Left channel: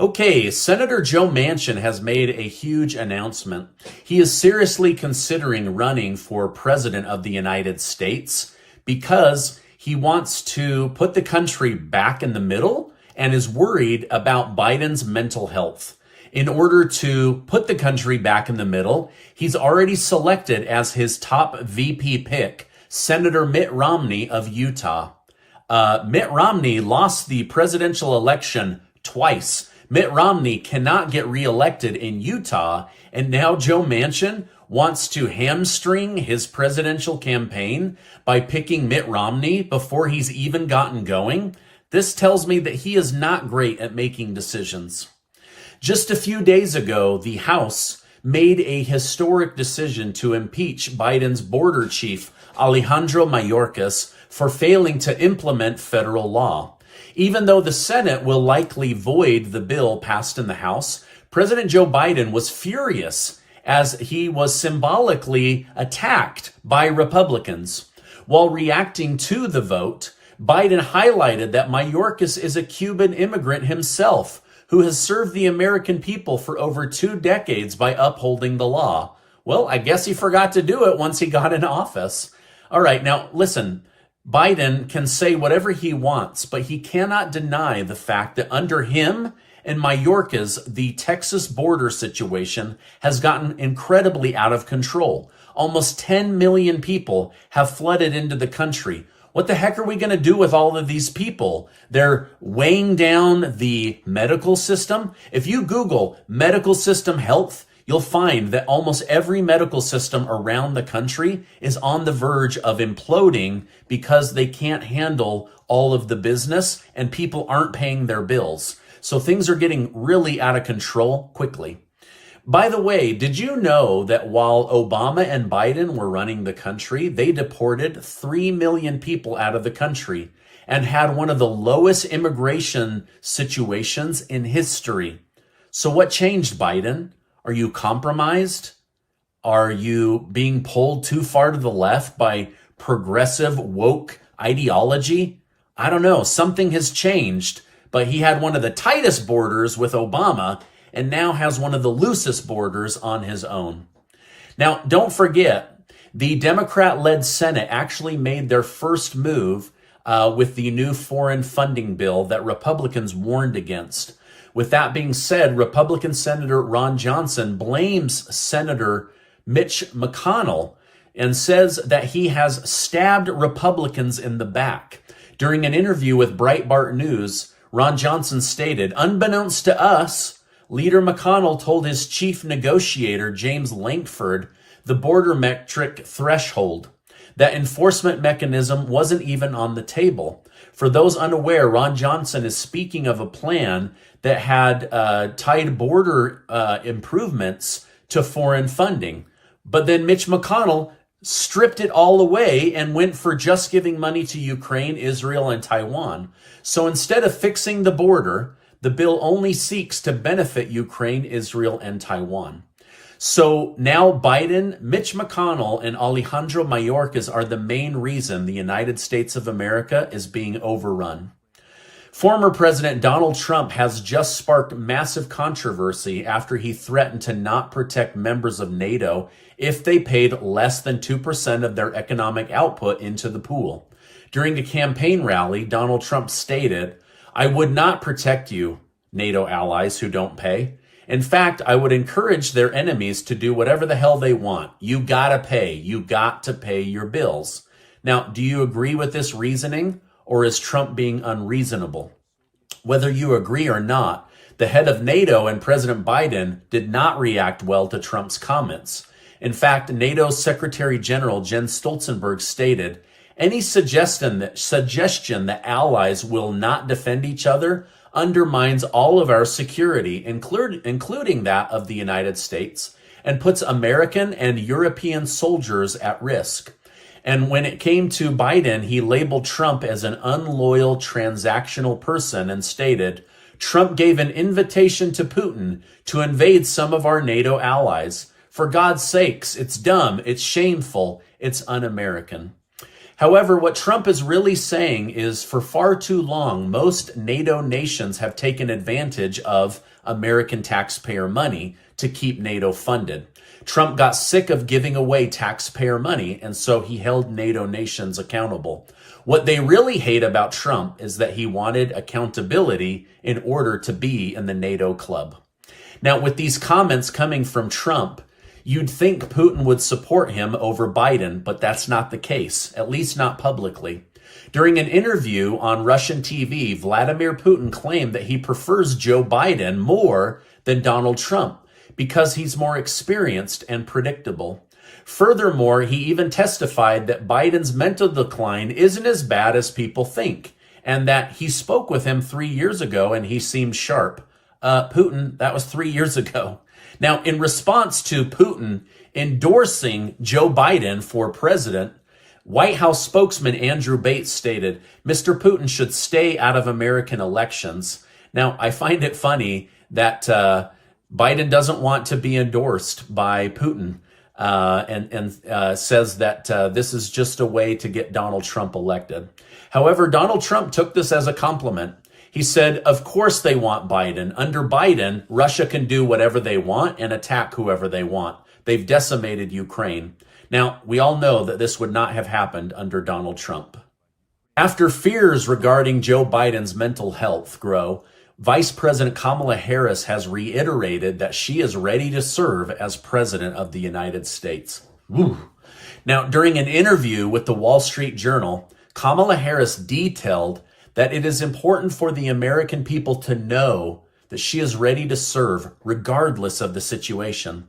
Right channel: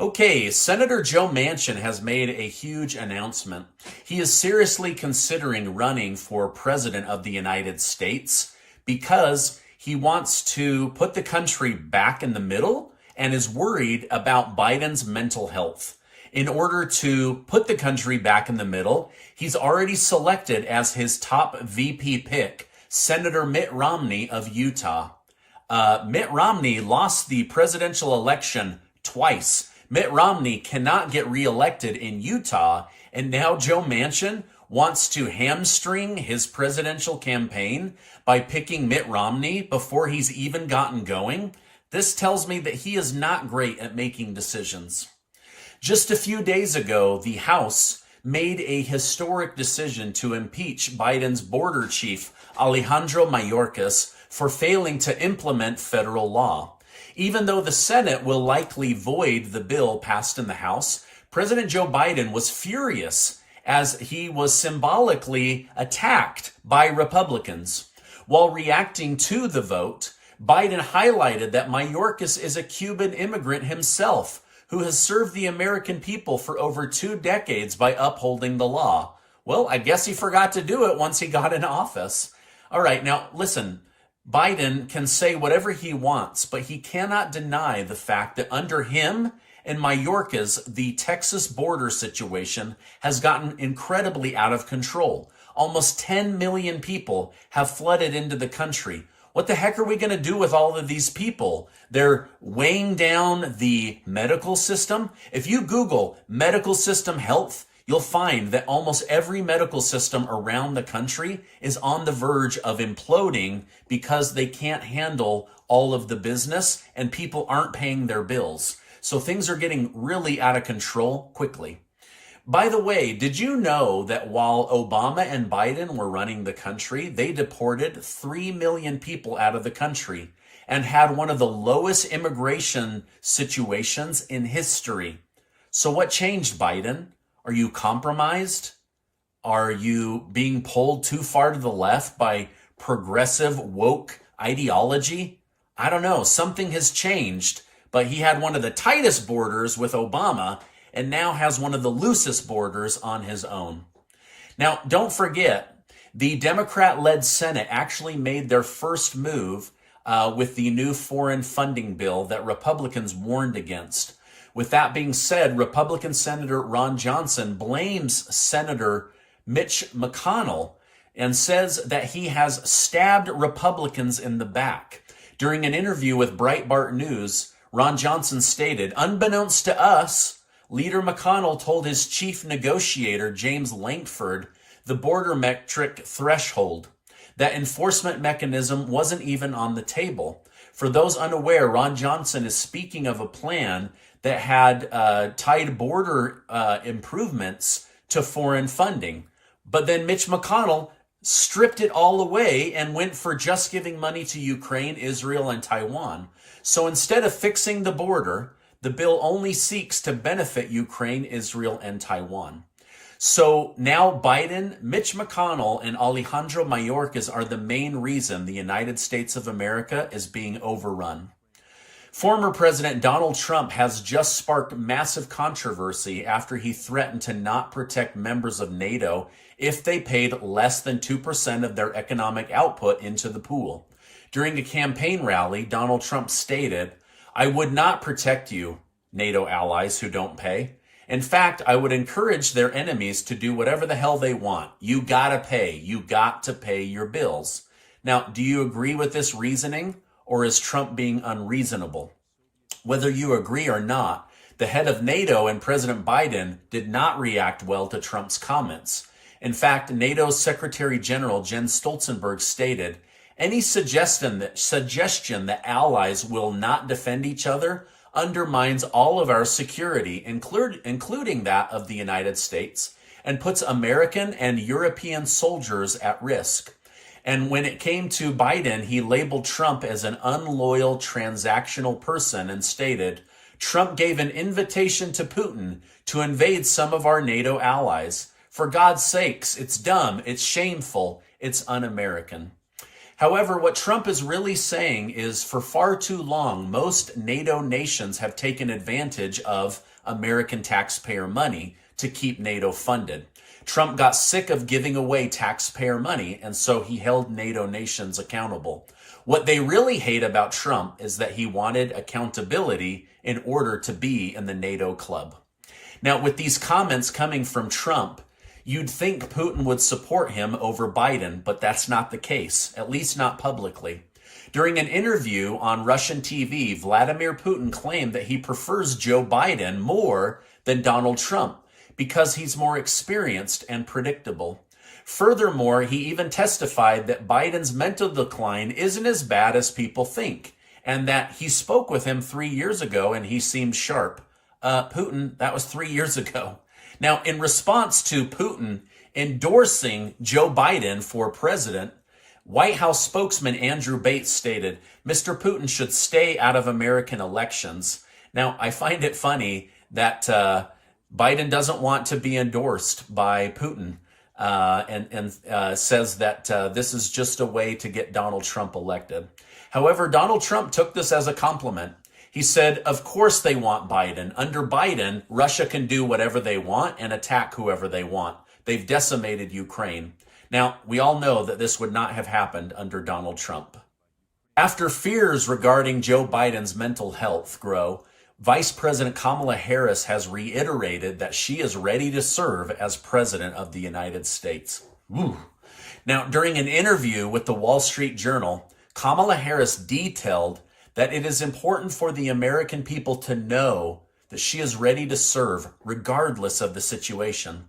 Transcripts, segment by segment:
Okay, Senator Joe Manchin has made a huge announcement. He is seriously considering running for president of the United States because he wants to put the country back in the middle and is worried about Biden's mental health. In order to put the country back in the middle, he's already selected as his top VP pick Senator Mitt Romney of Utah. Mitt Romney lost the presidential election twice. Mitt Romney cannot get reelected in Utah, and now Joe Manchin wants to hamstring his presidential campaign by picking Mitt Romney before he's even gotten going. This tells me that he is not great at making decisions. Just a few days ago, the House made a historic decision to impeach Biden's border chief, Alejandro Mayorkas, for failing to implement federal law. Even though the Senate will likely void the bill passed in the House, President Joe Biden was furious as he was symbolically attacked by Republicans. While reacting to the vote, Biden highlighted that Mayorkas is a Cuban immigrant himself who has served the American people for over 2 decades by upholding the law. Well, I guess he forgot to do it once he got in office. All right, now listen. Biden can say whatever he wants, but he cannot deny the fact that under him and Mayorkas, the Texas border situation has gotten incredibly out of control. Almost 10 million people have flooded into the country. What the heck are we going to do with all of these people? They're weighing down the medical system. If you Google medical system health, you'll find that almost every medical system around the country is on the verge of imploding because they can't handle all of the business and people aren't paying their bills. So things are getting really out of control quickly. By the way, did you know that while Obama and Biden were running the country, they deported 3 million people out of the country and had one of the lowest immigration situations in history? So what changed, Biden? Are you compromised? Are you being pulled too far to the left by progressive woke ideology? I don't know. Something has changed, but he had one of the tightest borders with Obama and now has one of the loosest borders on his own. Now, don't forget, the Democrat-led Senate actually made their first move with the new foreign funding bill that Republicans warned against. With that being said, Republican Senator Ron Johnson blames Senator Mitch McConnell and says that he has stabbed Republicans in the back. During an interview with Breitbart News, Ron Johnson stated, "Unbeknownst to us, Leader McConnell told his chief negotiator, James Lankford, the border metric threshold. That enforcement mechanism wasn't even on the table." For those unaware, Ron Johnson is speaking of a plan that had tied border improvements to foreign funding. But then Mitch McConnell stripped it all away and went for just giving money to Ukraine, Israel, and Taiwan. So instead of fixing the border, the bill only seeks to benefit Ukraine, Israel, and Taiwan. So now Biden, Mitch McConnell, and Alejandro Mayorkas are the main reason the United States of America is being overrun. Former President Donald Trump has just sparked massive controversy after he threatened to not protect members of NATO if they paid less than 2% of their economic output into the pool. During a campaign rally, Donald Trump stated, "I would not protect you, NATO allies who don't pay. In fact, I would encourage their enemies to do whatever the hell they want. You gotta pay. You got to pay your bills." Now, do you agree with this reasoning, or is Trump being unreasonable? Whether you agree or not, the head of NATO and President Biden did not react well to Trump's comments. In fact, NATO's Secretary General Jens Stoltenberg stated, "Any suggestion that allies will not defend each other undermines all of our security, including that of the United States, and puts American and European soldiers at risk." And when it came to Biden, he labeled Trump as an unloyal, transactional person and stated, "Trump gave an invitation to Putin to invade some of our NATO allies. For God's sakes, it's dumb, it's shameful, it's un-American." However, what Trump is really saying is for far too long, most NATO nations have taken advantage of American taxpayer money to keep NATO funded. Trump got sick of giving away taxpayer money, and so he held NATO nations accountable. What they really hate about Trump is that he wanted accountability in order to be in the NATO club. Now, with these comments coming from Trump, you'd think Putin would support him over Biden, but that's not the case, at least not publicly. During an interview on Russian TV, Vladimir Putin claimed that he prefers Joe Biden more than Donald Trump because he's more experienced and predictable. Furthermore, he even testified that Biden's mental decline isn't as bad as people think, and that he spoke with him 3 years ago and he seemed sharp. Putin, that was 3 years ago. Now, in response to Putin endorsing Joe Biden for president, White House spokesman Andrew Bates stated, Mr. Putin should stay out of American elections. Now, I find it funny that Biden doesn't want to be endorsed by Putin and says that this is just a way to get Donald Trump elected. However, Donald Trump took this as a compliment. He said, of course they want Biden. Under Biden, Russia can do whatever they want and attack whoever they want. They've decimated Ukraine. Now, we all know that this would not have happened under Donald Trump. After fears regarding Joe Biden's mental health grow, Vice President Kamala Harris has reiterated that she is ready to serve as president of the United States. Woo. Now, during an interview with the Wall Street Journal, Kamala Harris detailed that it is important for the American people to know that she is ready to serve regardless of the situation.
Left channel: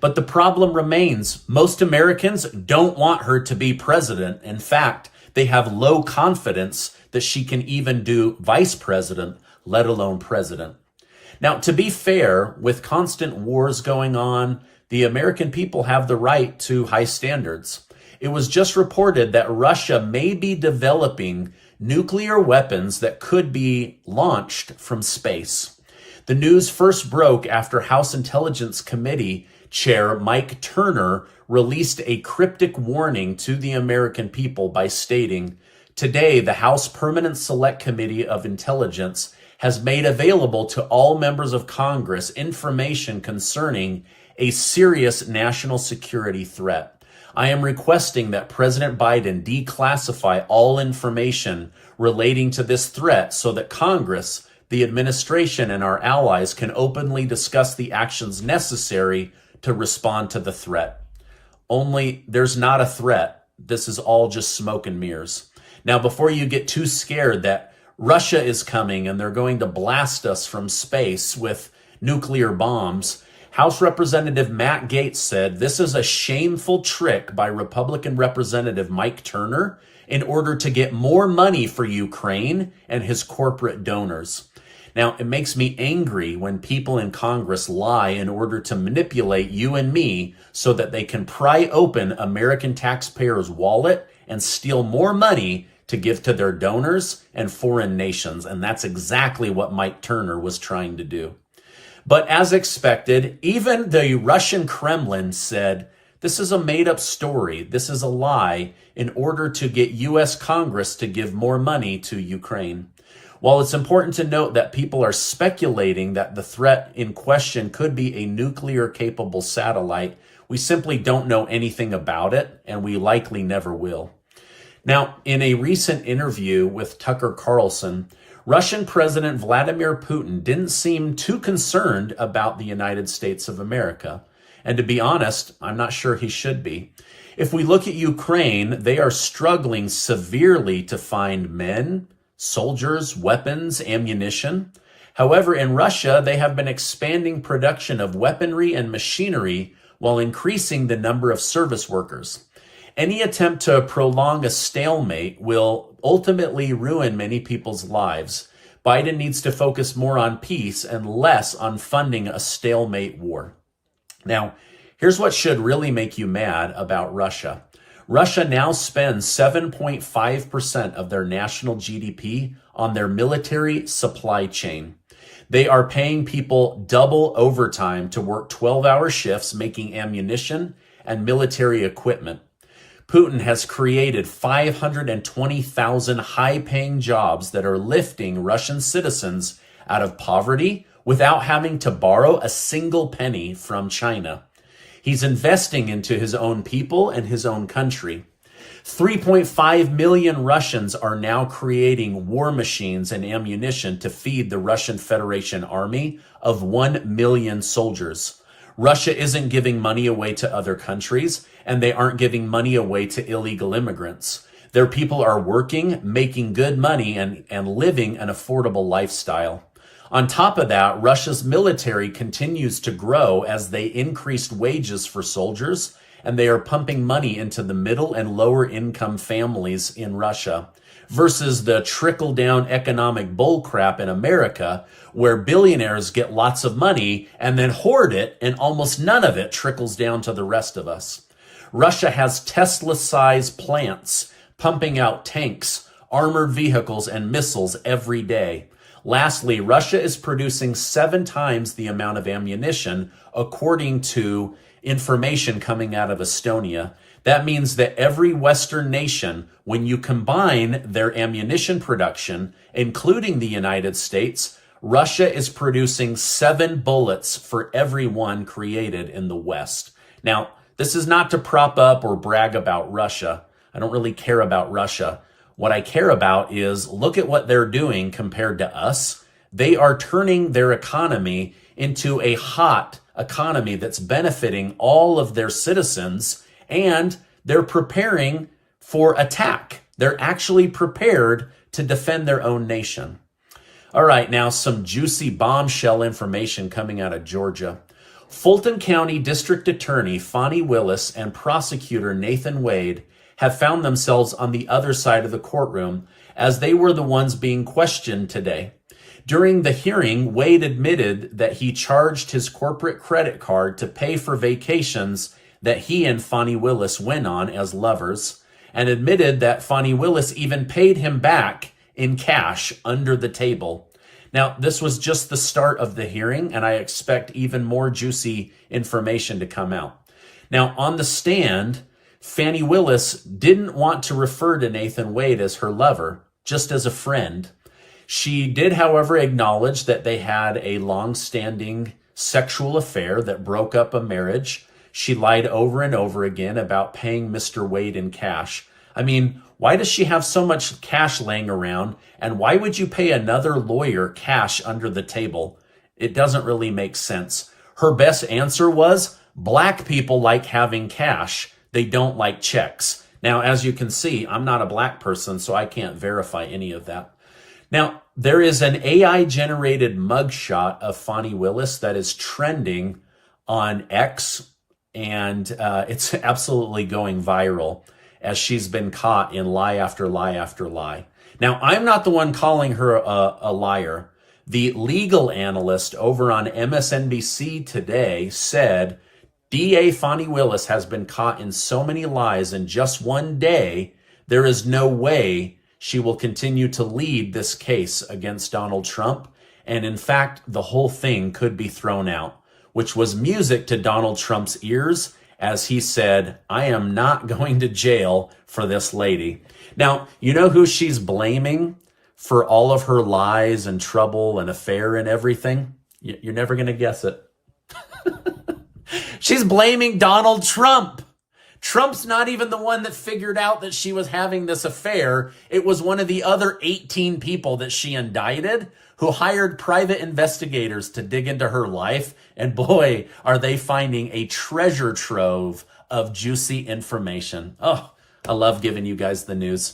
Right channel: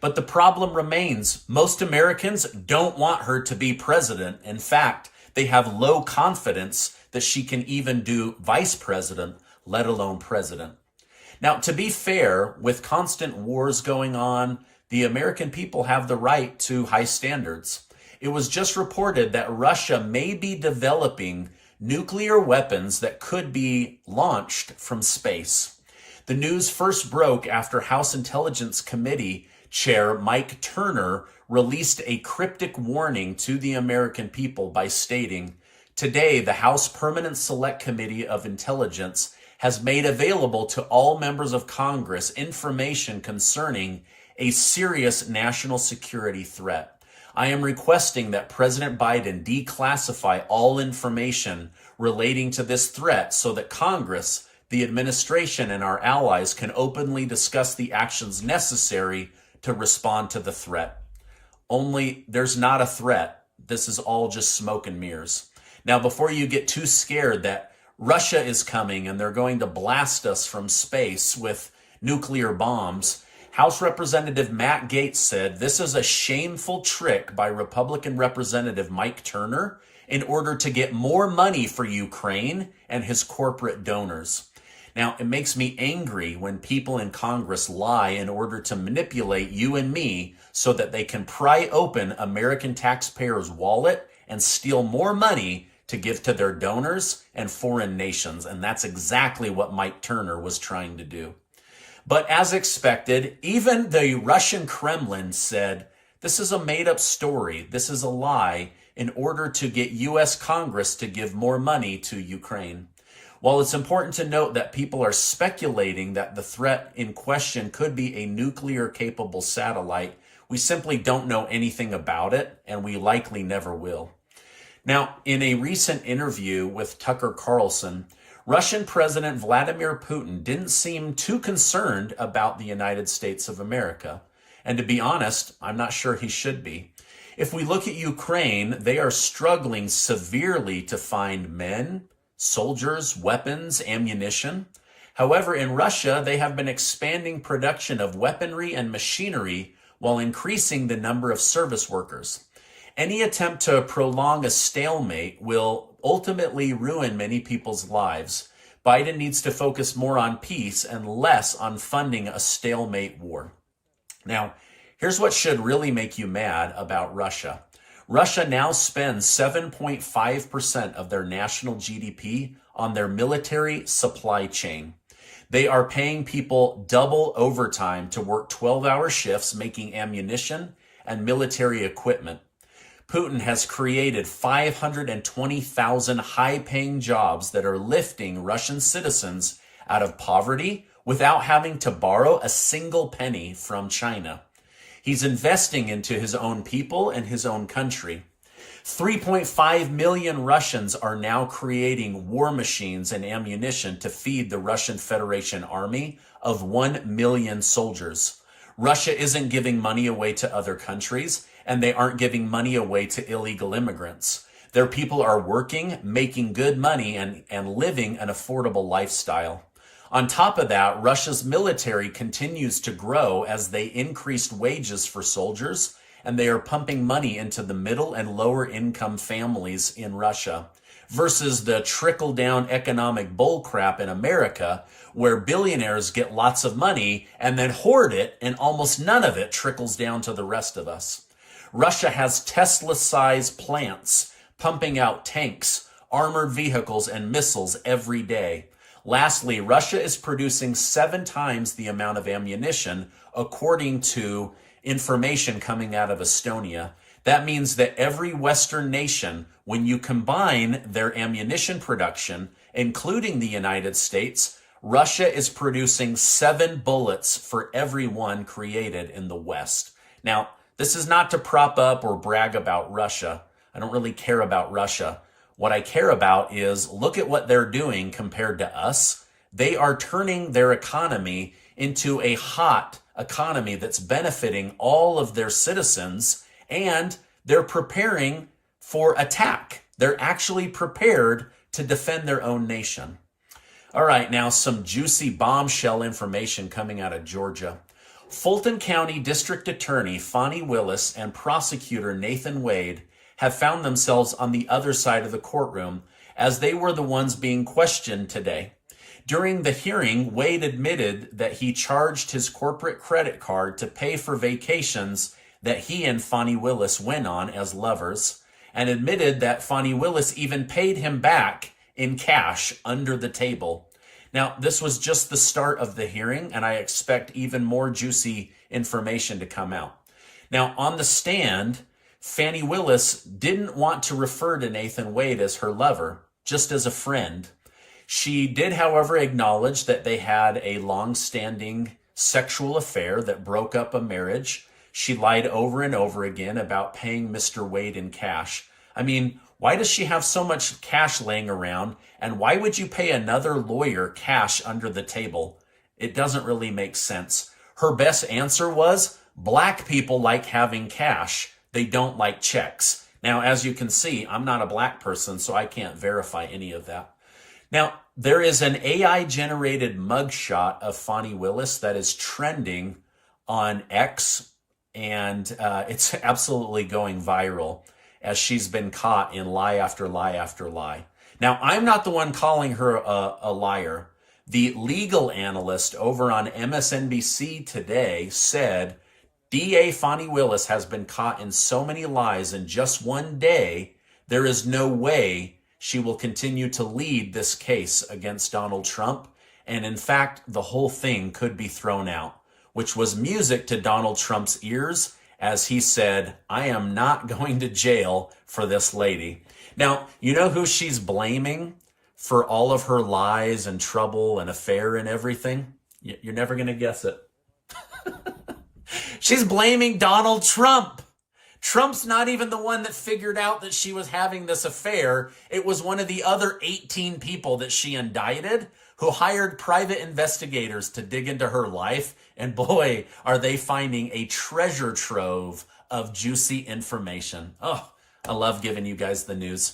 But the problem remains. Most Americans don't want her to be president. In fact, they have low confidence that she can even do vice president, let alone president. Now, to be fair, with constant wars going on, the American people have the right to high standards. It was just reported that Russia may be developing nuclear weapons that could be launched from space. The news first broke after House Intelligence Committee Chair Mike Turner released a cryptic warning to the American people by stating, today, the House Permanent Select Committee of Intelligence has made available to all members of Congress information concerning a serious national security threat. I am requesting that President Biden declassify all information relating to this threat so that Congress, the administration, and our allies can openly discuss the actions necessary to respond to the threat. Only there's not a threat. This is all just smoke and mirrors. Now, before you get too scared that Russia is coming and they're going to blast us from space with nuclear bombs, House Representative Matt Gaetz said this is a shameful trick by Republican Representative Mike Turner in order to get more money for Ukraine and his corporate donors. Now, it makes me angry when people in Congress lie in order to manipulate you and me so that they can pry open American taxpayers' wallet and steal more money to give to their donors and foreign nations. And that's exactly what Mike Turner was trying to do. But as expected, even the Russian Kremlin said, this is a made-up story. This is a lie in order to get U.S. Congress to give more money to Ukraine. While it's important to note that people are speculating that the threat in question could be a nuclear-capable satellite, we simply don't know anything about it, and we likely never will. Now, in a recent interview with Tucker Carlson, Russian President Vladimir Putin didn't seem too concerned about the United States of America. And to be honest, I'm not sure he should be. If we look at Ukraine, they are struggling severely to find men, soldiers, weapons, ammunition. However, in Russia, they have been expanding production of weaponry and machinery while increasing the number of service workers. Any attempt to prolong a stalemate will ultimately ruin many people's lives. Biden needs to focus more on peace and less on funding a stalemate war. Now, here's what should really make you mad about Russia. Russia now spends 7.5% of their national GDP on their military supply chain. They are paying people double overtime to work 12-hour shifts making ammunition and military equipment. Putin has created 520,000 high-paying jobs that are lifting Russian citizens out of poverty without having to borrow a single penny from China. He's investing into his own people and his own country. 3.5 million Russians are now creating war machines and ammunition to feed the Russian Federation army of 1 million soldiers. Russia isn't giving money away to other countries, and they aren't giving money away to illegal immigrants. Their people are working, making good money, and living an affordable lifestyle. On top of that, Russia's military continues to grow as they increased wages for soldiers, and they are pumping money into the middle and lower income families in Russia, versus the trickle-down economic bullcrap in America, where billionaires get lots of money and then hoard it, and almost none of it trickles down to the rest of us. Russia has Tesla-sized plants pumping out tanks, armored vehicles, and missiles every day. Lastly, Russia is producing 7 times the amount of ammunition, according to information coming out of Estonia. That means that every Western nation, when you combine their ammunition production, including the United States, Russia is producing 7 bullets for every one created in the West. Now, this is not to prop up or brag about Russia. I don't really care about Russia. What I care about is look at what they're doing compared to us. They are turning their economy into a hot economy that's benefiting all of their citizens, and they're preparing for attack. They're actually prepared to defend their own nation. All right, now some juicy bombshell information coming out of Georgia. Fulton County District Attorney Fani Willis and prosecutor Nathan Wade have found themselves on the other side of the courtroom, as they were the ones being questioned today. During the hearing, Wade admitted that he charged his corporate credit card to pay for vacations that he and Fani Willis went on as lovers, and admitted that Fani Willis even paid him back in cash under the table. Now, this was just the start of the hearing, and I expect even more juicy information to come out. Now, on the stand, Fani Willis didn't want to refer to Nathan Wade as her lover, just as a friend. She did, however, acknowledge that they had a long-standing sexual affair that broke up a marriage. She lied over and over again about paying Mr. Wade in cash. I mean, why does she have so much cash laying around? And why would you pay another lawyer cash under the table? It doesn't really make sense. Her best answer was, black people like having cash. They don't like checks. Now, as you can see, I'm not a black person, so I can't verify any of that. Now, there is an AI-generated mugshot of Fani Willis that is trending on X, and it's absolutely going viral as she's been caught in lie after lie after lie. Now, I'm not the one calling her a liar. The legal analyst over on MSNBC today said DA Fani Willis has been caught in so many lies in just one day, there is no way she will continue to lead this case against Donald Trump. And in fact, the whole thing could be thrown out, which was music to Donald Trump's ears as he said, I am not going to jail for this lady. Now, you know who she's blaming for all of her lies and trouble and affair and everything? You're never going to guess it. She's blaming Donald Trump. Trump's not even the one that figured out that she was having this affair. It was one of the other 18 people that she indicted who hired private investigators to dig into her life. And boy, are they finding a treasure trove of juicy information. Oh, I love giving you guys the news.